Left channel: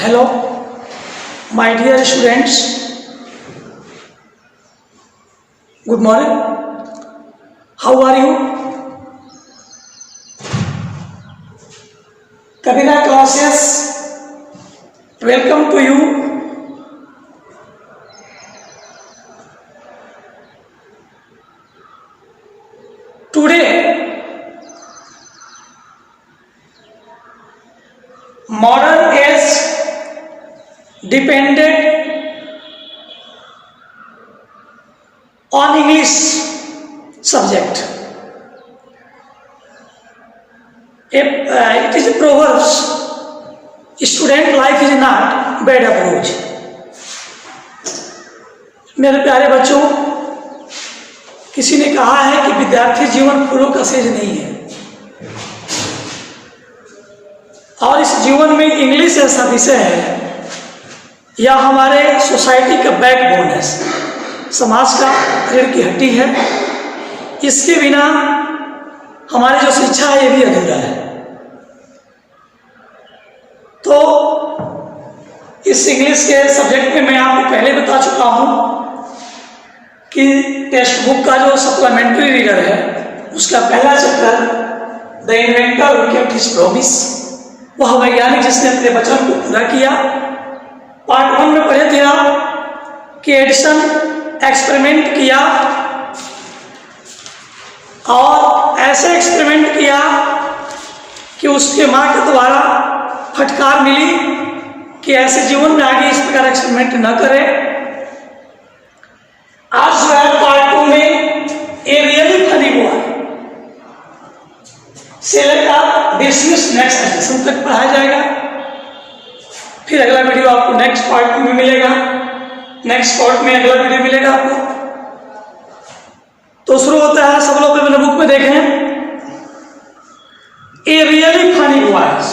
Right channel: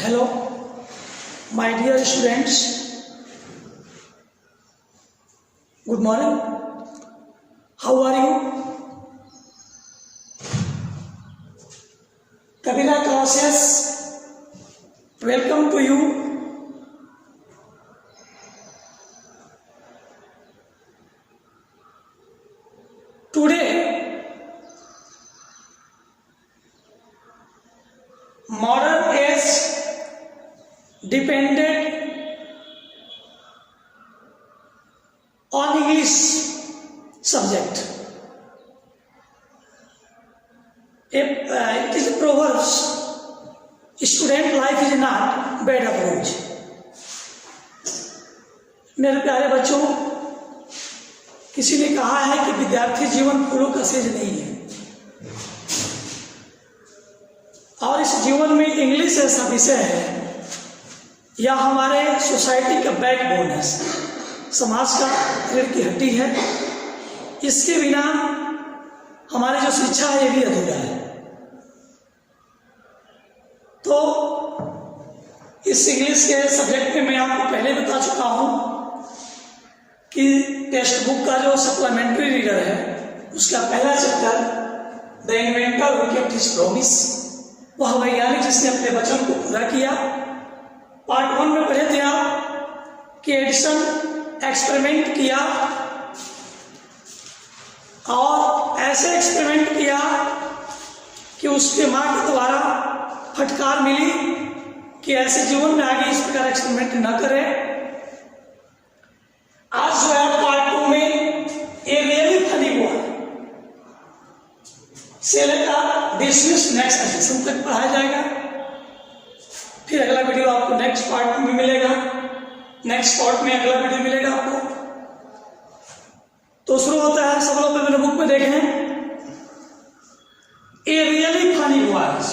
Hello, my dear students. Good morning. How are you? Kabina classes. Welcome to you. Today, modern age depended on English subject. It is a proverbs. Student life is not bad approach. मेरे प्यारे बच्चों, किसी ने कहा है कि विद्यार्थी जीवन फूलों का सेज नहीं है, और इस जीवन में इंग्लिश ऐसा विषय है या हमारे सोसाइटी का बैकबोन है, समाज का रीढ़ की हड्डी है। इसके बिना हमारी जो शिक्षा है ये भी अधूरा है। तो इस इंग्लिश के सब्जेक्ट में मैं आपको पहले बता चुका हूँ कि टेक्स्ट बुक का जो सप्लीमेंट्री रीडर है उसका पहला chapter the inventor who kept his promise, वह वैज्ञानिक जिसने अपने वचन को पूरा किया। पार्ट 1 में पढ़े थे आप कि एडिसन एक्सपेरिमेंट किया और ऐसे एक्सपेरिमेंट किया कि उसके माँ के द्वारा फटकार मिली कि ऐसे जीवन में आगे इस प्रकार एक्सपेरिमेंट न करें। आज जो है पार्ट 2 में ए रियली फनी बॉय से लेकर 20 नेक्स्ट सेशन तक पढ़ाया जाएगा। फिर अगला वीडियो आपको नेक्स्ट पार्ट में मिलेगा, नेक्स्ट पार्ट में अगला वीडियो मिलेगा आपको। तो शुरू होता है, सब लोग अपने बुक में देखें, a really funny boys.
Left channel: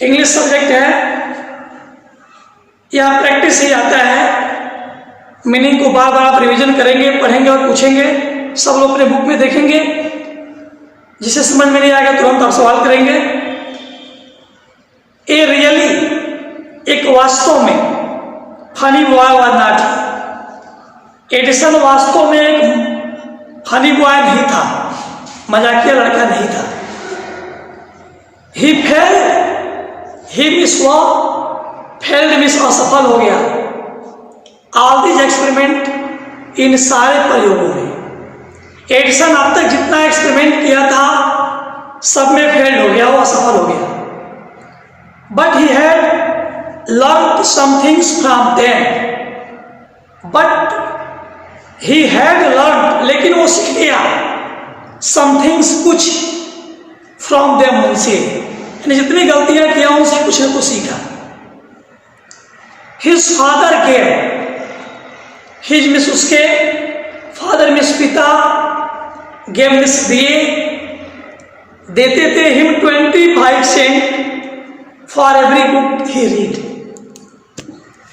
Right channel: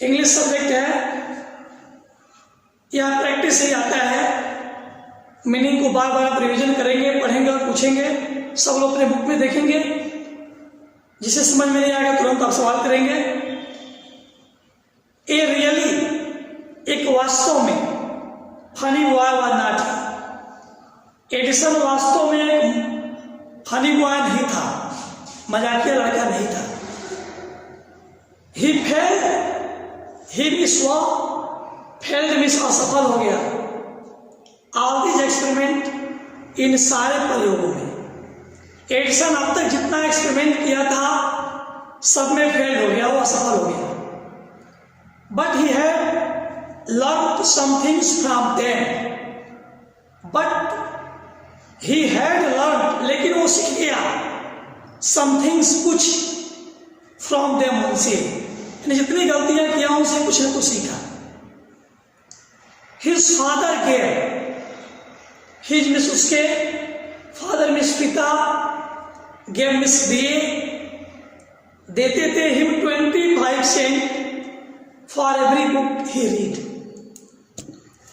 English subject है, यह प्रैक्टिस ही आता है। मीनिंग को बार बार आप रिवीजन करेंगे, पढ़ेंगे और पूछेंगे। सब लोग अपने बुक में देखेंगे, जिसे समझ में नहीं आएगा तुरंत आप सवाल करेंगे। ए रियली, एक वास्तव में, funny boy was not. Edison वास्तव में एक फनी बॉय नहीं था, मजाकिया लड़का नहीं था। ही फेल्ड, ही मिस हुआ, फेल्ड मिस असफल हो गया। ऑल दिस एक्सपेरिमेंट, इन सारे प्रयोगों में एडिसन अब तक जितना एक्सपेरिमेंट किया था सब में फेल्ड हो गया, वो असफल हो गया। But he had learn some things from them, but he had learn, लेकिन वो सीख लिया सम थिंग्स, कुछ फ्रॉम देम, उनसे, यानी जितनी गलतियां किया उनसे कुछ न कुछ सीखा। His father care, his miss उसके, फादर मिस पिता, गेम मिस दिए, देते थे him 25 sent for every book he read.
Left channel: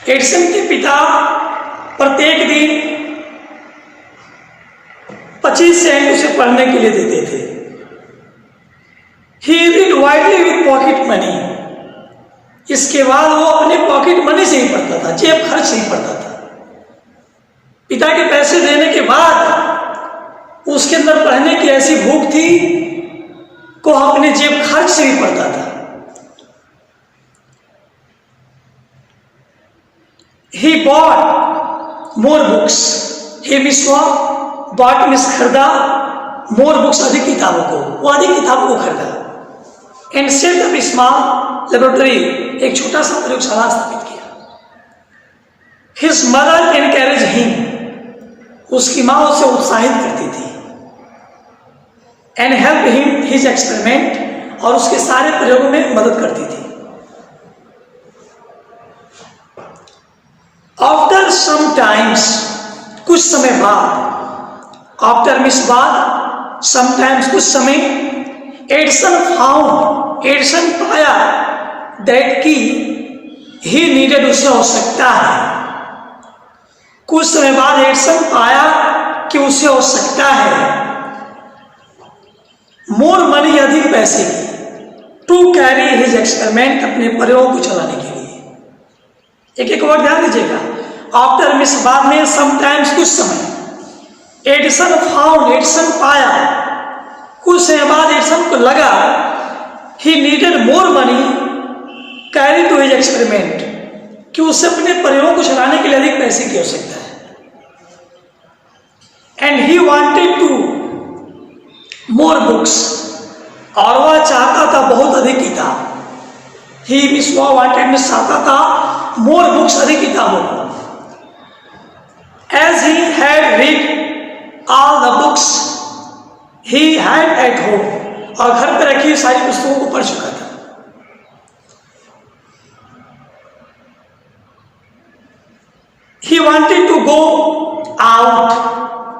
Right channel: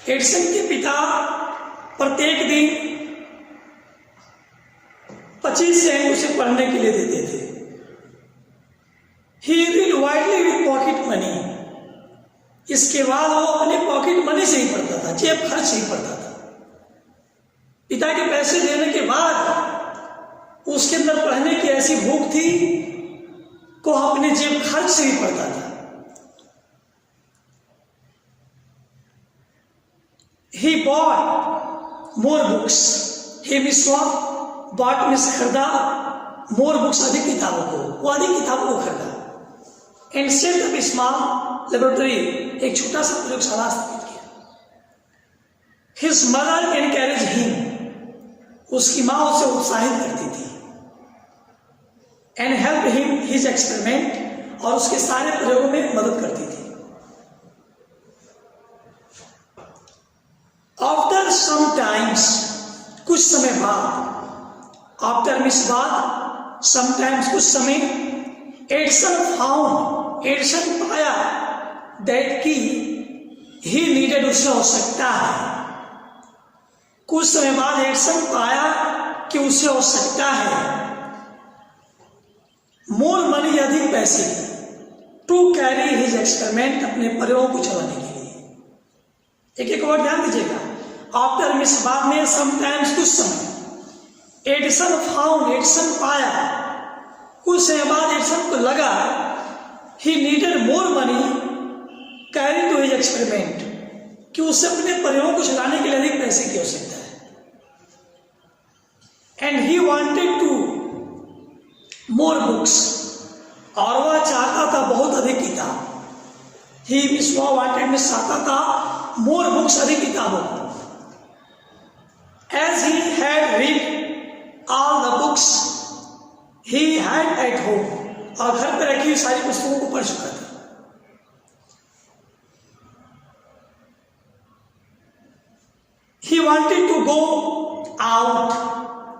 Edison के पिता प्रत्येक दिन 25 सेंट उसे पढ़ने के लिए देते थे। He read widely with pocket money, इसके बाद वो अपने पॉकेट मनी से ही पढ़ता था, जेब खर्च से ही पढ़ता था। पिता के पैसे देने के बाद उसके अंदर पढ़ने की ऐसी भूख थी को अपने जेब खर्च से ही पढ़ता था। He bought more books, he miss bought miss खरीदा, मोर बुक्स अधिक किताबों को, वो अधिक किताबों को खरीदा। And set up small laboratory, एक छोटा सा प्रयोगशाला स्थापित किया। हिज मदर एनकरेज हिम, उसकी माँ उसे उत्साहित करती थी। And help him his experiment, और उसके सारे प्रयोगों में मदद करती थी। आफ्टर सम टाइम्स, कुछ समय बाद, आफ्टर मिस बाद, समटाइम्स कुछ समय, एडिसन फाउंड, एडिसन पाया दैट की ही नीडेड, उसे आवश्यकता है। कुछ समय बाद एडिसन पाया कि उसे आवश्यकता है मोर मनी, अधिक पैसे की, टू कैरी हिज एक्सपेरिमेंट, अपने प्रयोग को चलाने के लिए। एक एक वर्ड ध्यान दीजिएगा। आफ्टर मिस, बाद में, समटाइम्स, कुछ समय, एडिसन फाउंड, एडिसन पाया, कुछ समय बाद एडिसन को लगा, he needed more money carry to his experiment, कि उसे अपने प्रयोग को चलाने के लिए अधिक पैसे की आवश्यकता है। And he wanted to more books, और वह चाहता था बहुत अधिक किताब। ही मिस वांटेड मिस चाहता था मोर बुक्स, अधिक किताबों को। As he had read all the books he had at home, और घर पर रखी हुई सारी पुस्तकों को पढ़ चुका था। He wanted to go out.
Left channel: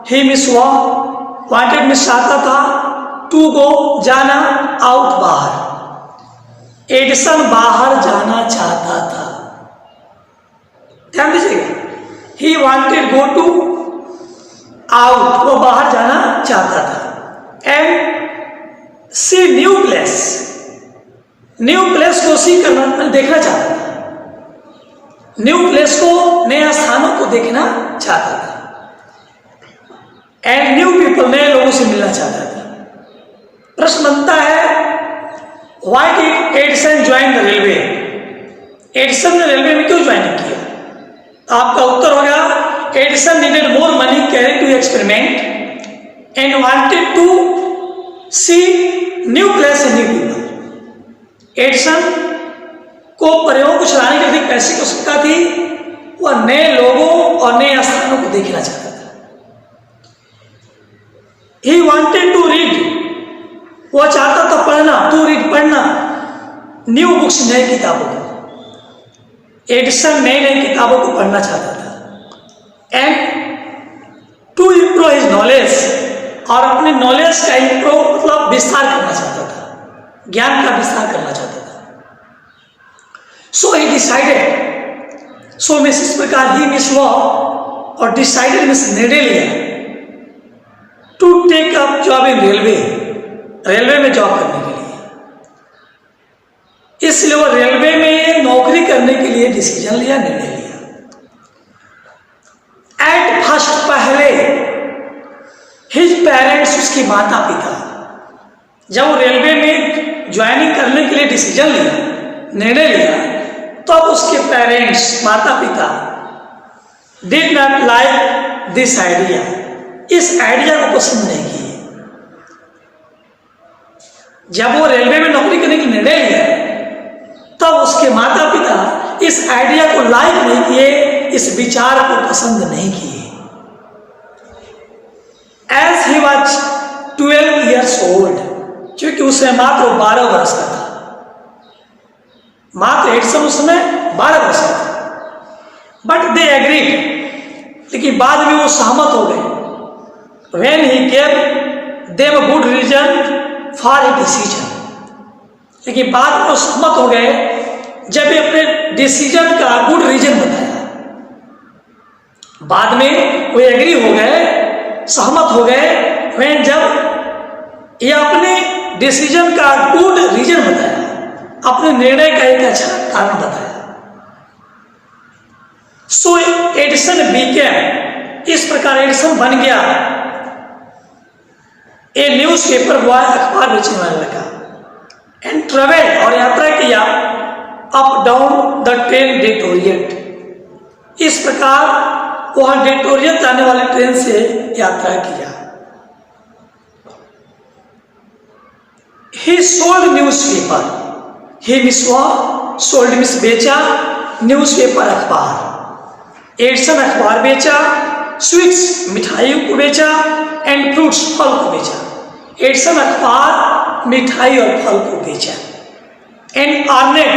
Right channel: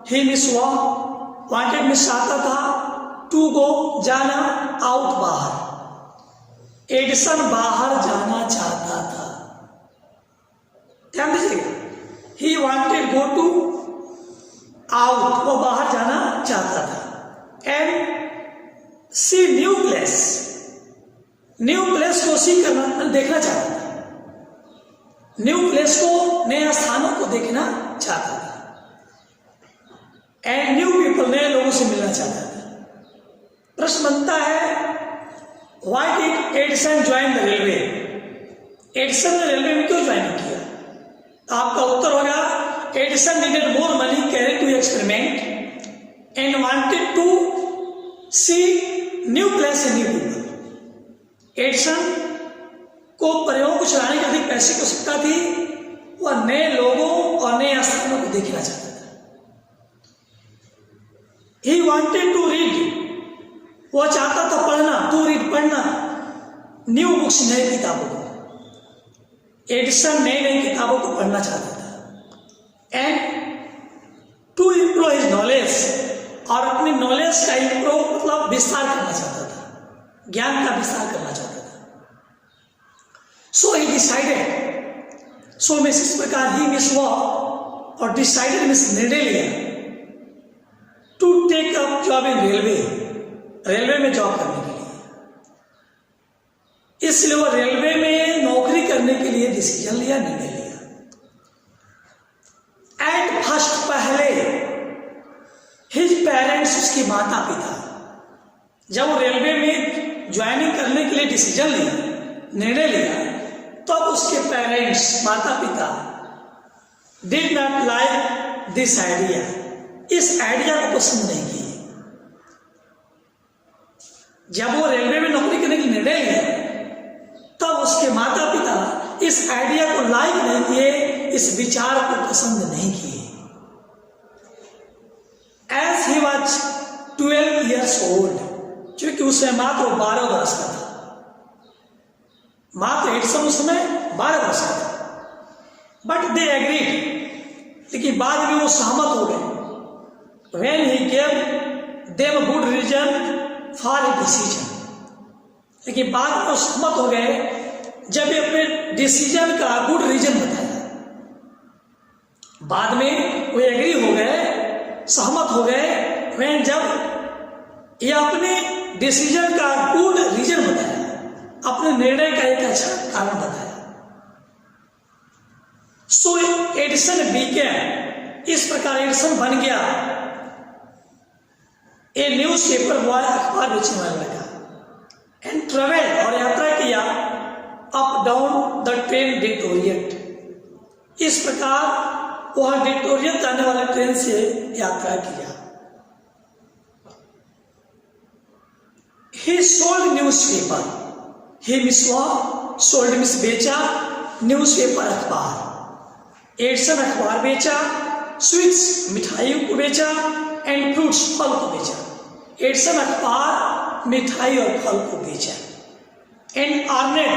He miss wanted miss चाहता था to go जाना, out बाहर। एडिसन बाहर जाना चाहता था। ध्यान दीजिएगा, he wanted go to out, वो बाहर जाना चाहता था। and see new place, new place को सी करना, देखना चाहता था। न्यू प्लेस को, नया स्थानों को देखना चाहता था। एंड न्यू पीपल, नए लोगों से मिलना चाहता था। प्रश्न बनता है, why did Edison join the railway? Edison ने रेलवे में क्यों ज्वाइन किया? आपका उत्तर होगा, Edison needed more money carry to experiment and wanted to see new place and new people. Edison को प्रयोग को चलाने के लिए पैसे की आवश्यकता थी, वह नए लोगों और नए स्थानों को देखना चाहता था। ही वॉन्टेड टू रीड, वह चाहता था पढ़ना, टू रीड पढ़ना, न्यू बुक्स, नई किताबों को। एडिसन नई नई किताबों को पढ़ना चाहता था। And to improve his knowledge, और अपने नॉलेज का इम्प्रूव मतलब विस्तार करना चाहता था, ज्ञान का विस्तार करना चाहता था। So he decided, so miss इस प्रकार ही मिस हुआ और डिसाइडेड मिस निर्णय लिया to take up job in railway, railway में जॉब करने के लिए। इसलिए वो रेलवे में नौकरी करने के लिए डिसीजन लिया, निर्णय लिया। एट फर्स्ट, पहले, हिज पेरेंट्स, उसके माता पिता, जब वो रेलवे में ज्वाइनिंग करने के लिए डिसीजन लिया, निर्णय लिया, तब उसके पेरेंट्स, माता पिता, did not like this idea, इस आइडिया को पसंद नहीं किए। जब वो रेलवे में नौकरी करने का निर्णय लिया, तब उसके माता पिता इस आइडिया को लाइक नहीं किए, इस विचार को पसंद नहीं किए। As he was 12 years old, क्योंकि उसे मात्र 12 वर्ष का था। मात्र एडिसन उस समय 12 वर्ष का था। बट दे एग्रीड, लेकिन बाद में वो सहमत हो गए। When he gave them good reason for a decision, लेकिन बाद में वो सहमत हो गए जब ये अपने डिसीजन का गुड रीजन बताया। बाद में वो एग्री हो गए, सहमत हो गए, व्हेन जब ये अपने डिसीजन का गुड रीजन बताया, अपने निर्णय का एक अच्छा कारण बताया। सो एडिसन बिकेम, इस प्रकार एडिसन बन गया ए न्यूज पेपर बॉय, अखबार बेचने वाला लगा। एंड ट्रेवल, और यात्रा किया अप डाउन द ट्रेन डेटोरियट, इस प्रकार वह डेटोरियट आने वाले ट्रेन से यात्रा किया। ही सोल्ड न्यूज पेपर, ही मिस सोल्ड मिस बेचा, न्यूज पेपर अखबार। एडिसन अखबार बेचा, स्वीट्स मिठाई को बेचा, एंड फ्रूट्स फल को बेचा। एडिसन अखबार, मिठाई और फल को बेचा। एंड अर्नेड,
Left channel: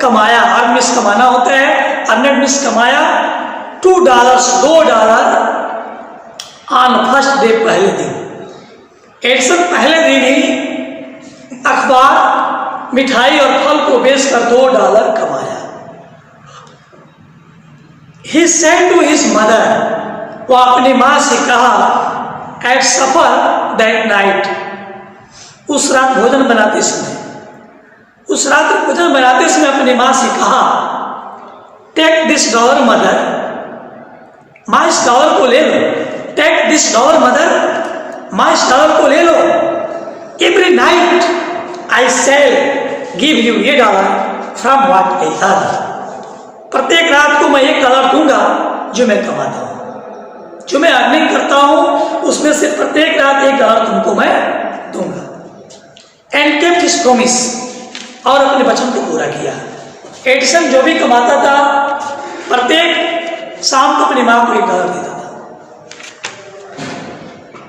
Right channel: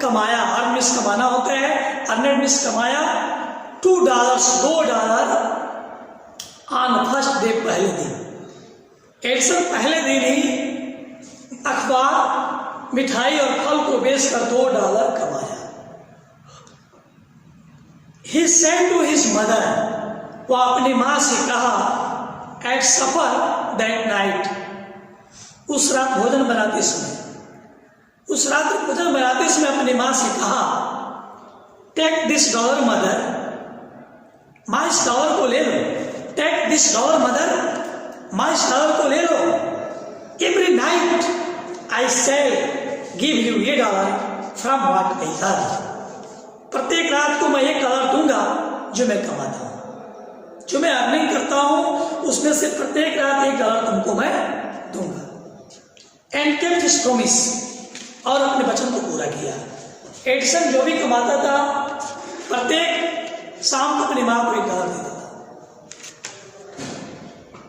कमाया, अर्न मिस कमाना होता है, अर्नेड मिस कमाया $2, $2 ऑन फर्स्ट डे, पहले दिन। एडिसन पहले दिन ही अखबार, मिठाई और फल को बेचकर $2 कमाया। He said to his mother, वो अपनी माँ से कहा, at supper that night, उस रात भोजन बनाते समय, उस रात्रि भोजन बनाते समय अपनी माँ से कहा, टेक दिस डॉलर मदर, माँ इस डॉलर को ले लो। टेक दिस डॉलर मदर, माँ इस डॉलर को ले लो। Every night I shall give you ये dollar from what I earn. प्रत्येक रात को मैं $1 दूंगा जो मैं कमाता हूँ, जो मैं अर्निंग करता हूँ उसमें से प्रत्येक रात $1 तुमको मैं दूंगा। एंड केप्ट हिज प्रॉमिस, और अपने वचन को पूरा किया। एडिसन जो भी कमाता था प्रत्येक शाम को अपनी माँ को $1 देता था।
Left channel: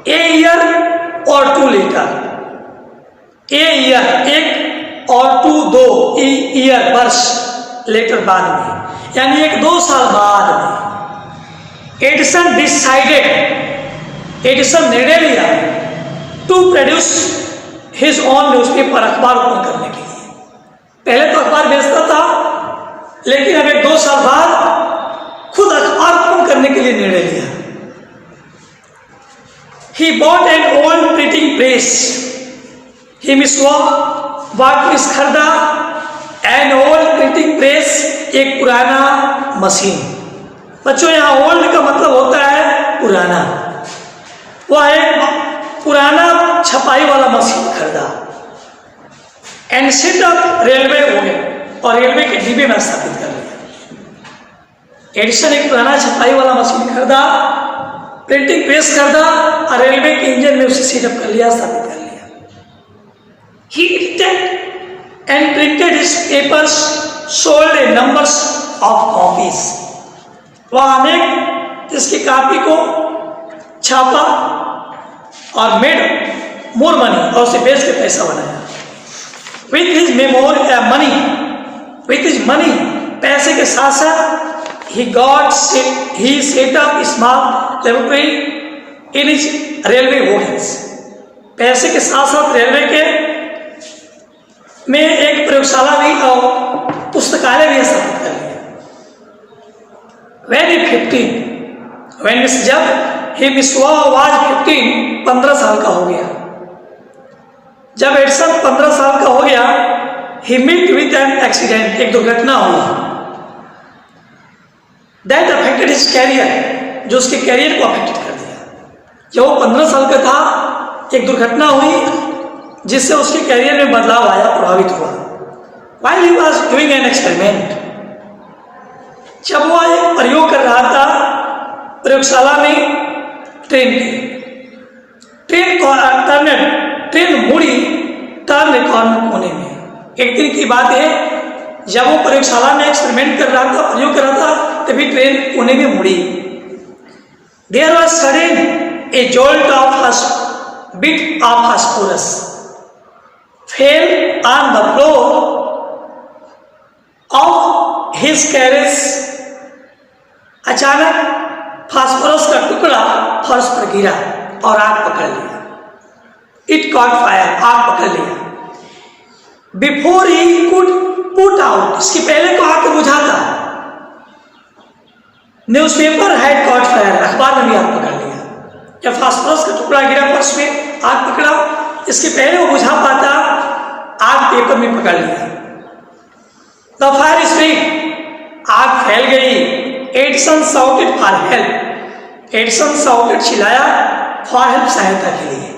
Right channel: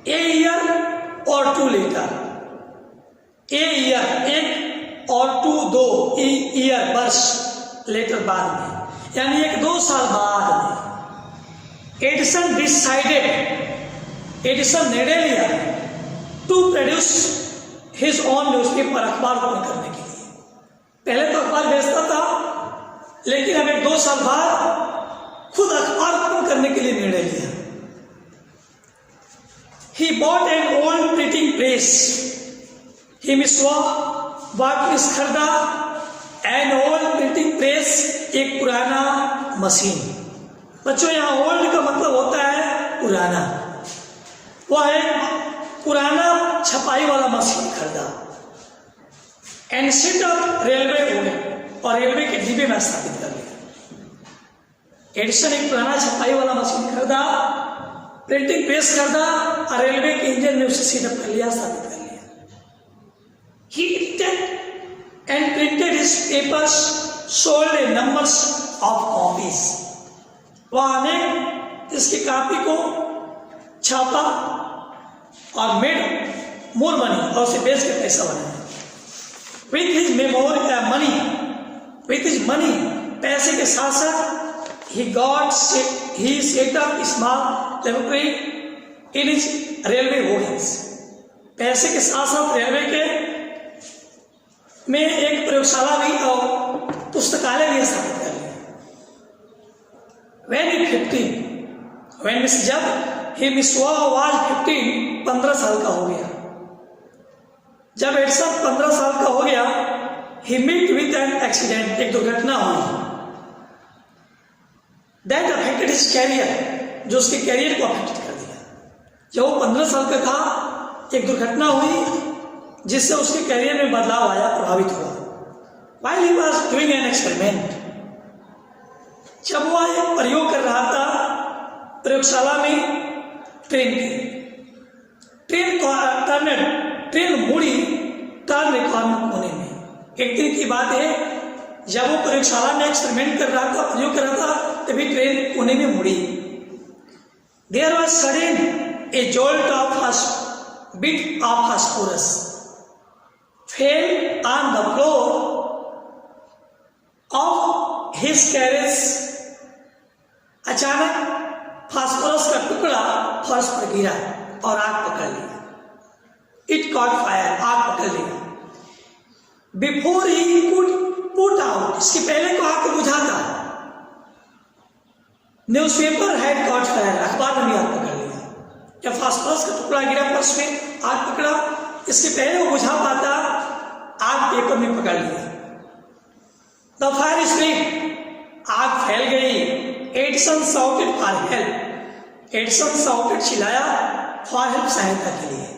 ए ईयर और 2 लेटर, ए ईयर 1 और 2 2, ईयर वर्ष, लेटर बाद में, यानी 1-2 साल बाद में एडिसन डिसाइडेड, एडिसन निर्णय लिया to produce his own newspaper, अखबार ओपन करने के लिए। पहले तो अखबार बेचता था, लेकिन अब 1-2 साल बाद खुद अखबार ओपन करने के लिए निर्णय लिया। He bought an old printing press, he मिसवा वाटमिस खरीदा एन ओल्ड प्रिंटिंग प्रेस, एक पुराना मशीन। बच्चों यहाँ ओल्ड का मतलब होता है पुराना। वह एक पुराना छपाई वाला मशीन खरीदा। एंड सेट अप रेलवे हो गए, और रेलवे के डिब्बे में स्थापित कर लिया। एडिसन एक पुराना छपाई वाला मशीन खरीदा, प्रिंटिंग प्रेस खरीदा, और रेलवे के इंजन में उसे सेटअप कर लिया, स्थापित कर लिया। He printed and printed his papers, sold a numbers of copies. वह अनेक इसकी कॉपी को छापा और मेड मोर मनी, और उसे बेच के पैसा बनाया। With his money, with his money, पैसे के साथ साथ he set up a small laboratory in his railway wagons. पैसे के साथ साथ रेलवे के में एक प्रयोगशाला भी और पुस्तकालय भी स्थापित कर लिया। जब he was 15, 15 साल का हो गया। जब एडिसन 15 साल का हो गया, he met with an accident, एक दुर्घटना हुई। That affected his career, जो उसके कैरियर को अफेक्टेड कर दिया। जब वो 15 साल का था, एक दुर्घटना हुई जिससे उसके कैरियर में बदलाव आया, प्रभावित हुआ। While he was doing an experiment, जब वह एक प्रयोग कर रहा था प्रयोगशाला में ट्रेन की, ट्रेन मुड़ी टर्न कॉर्नर कोने में। एक दिन की बात है, जब वो प्रयोगशाला में एक्सपेरिमेंट कर रहा था, प्रयोग कर रहा था, तभी ट्रेन कोने में मुड़ी। There was sudden a jolt of bit of phosphorus fell on the floor of his carriage. अचानक फास्फोरस का टुकड़ा फर्श पर गिरा और आग पकड़ लिया। It caught fire, आग पकड़ लिया। Before he could put out, इसके पहले को आग को बुझा था। न्यूज़पेपर had caught fire, अखबार ने भी आग पकड़ लिया। जब फास्फोरस का टुकड़ा गिरा फर्श में, आग पकड़ा, इसके पहले वो बुझा पाता, आग पेपर में पकड़ लिया। The fire spread, आग फैल गई। Edison shouted for help, Edison shouted, चिल्लाया, for help, सहायता के लिए।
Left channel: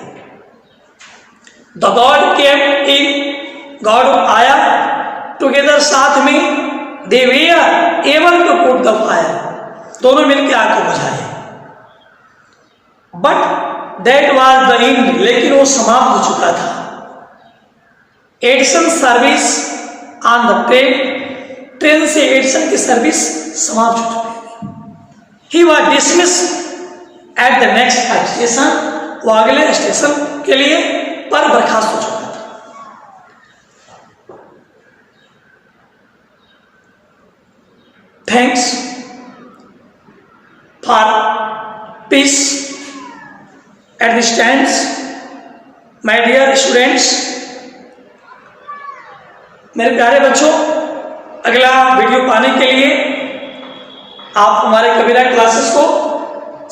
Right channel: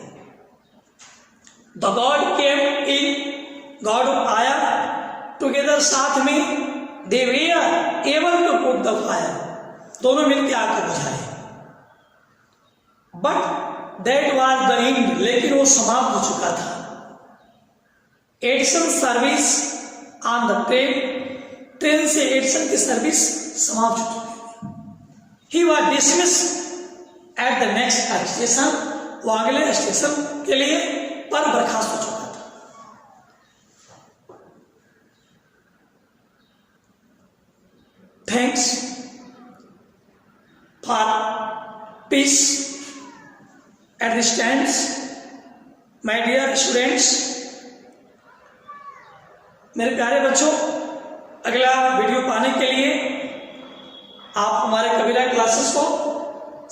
The God came in, God आया, together, साथ में, they were able to put the fire, दोनों मिलकर आग को बुझाए। But that was the end, लेकिन वो समाप्त हो चुका था। Edison service on the train से एडिसन की सर्विस समाप्त हो चुकी थी। He was dismiss at the next station, वो अगले स्टेशन के लिए पर बर्खास्त हो चुका था। Thanks for peace at this times, my dear students. मेरे प्यारे बच्चों, अगला वीडियो पाने के लिए आप हमारे कबीरा क्लासेस को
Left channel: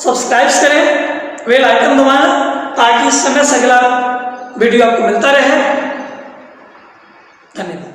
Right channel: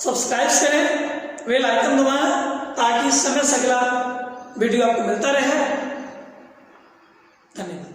सब्सक्राइब करें, बेल आइकन दबाएं, ताकि समय से अगला वीडियो आपको मिलता रहे। धन्यवाद।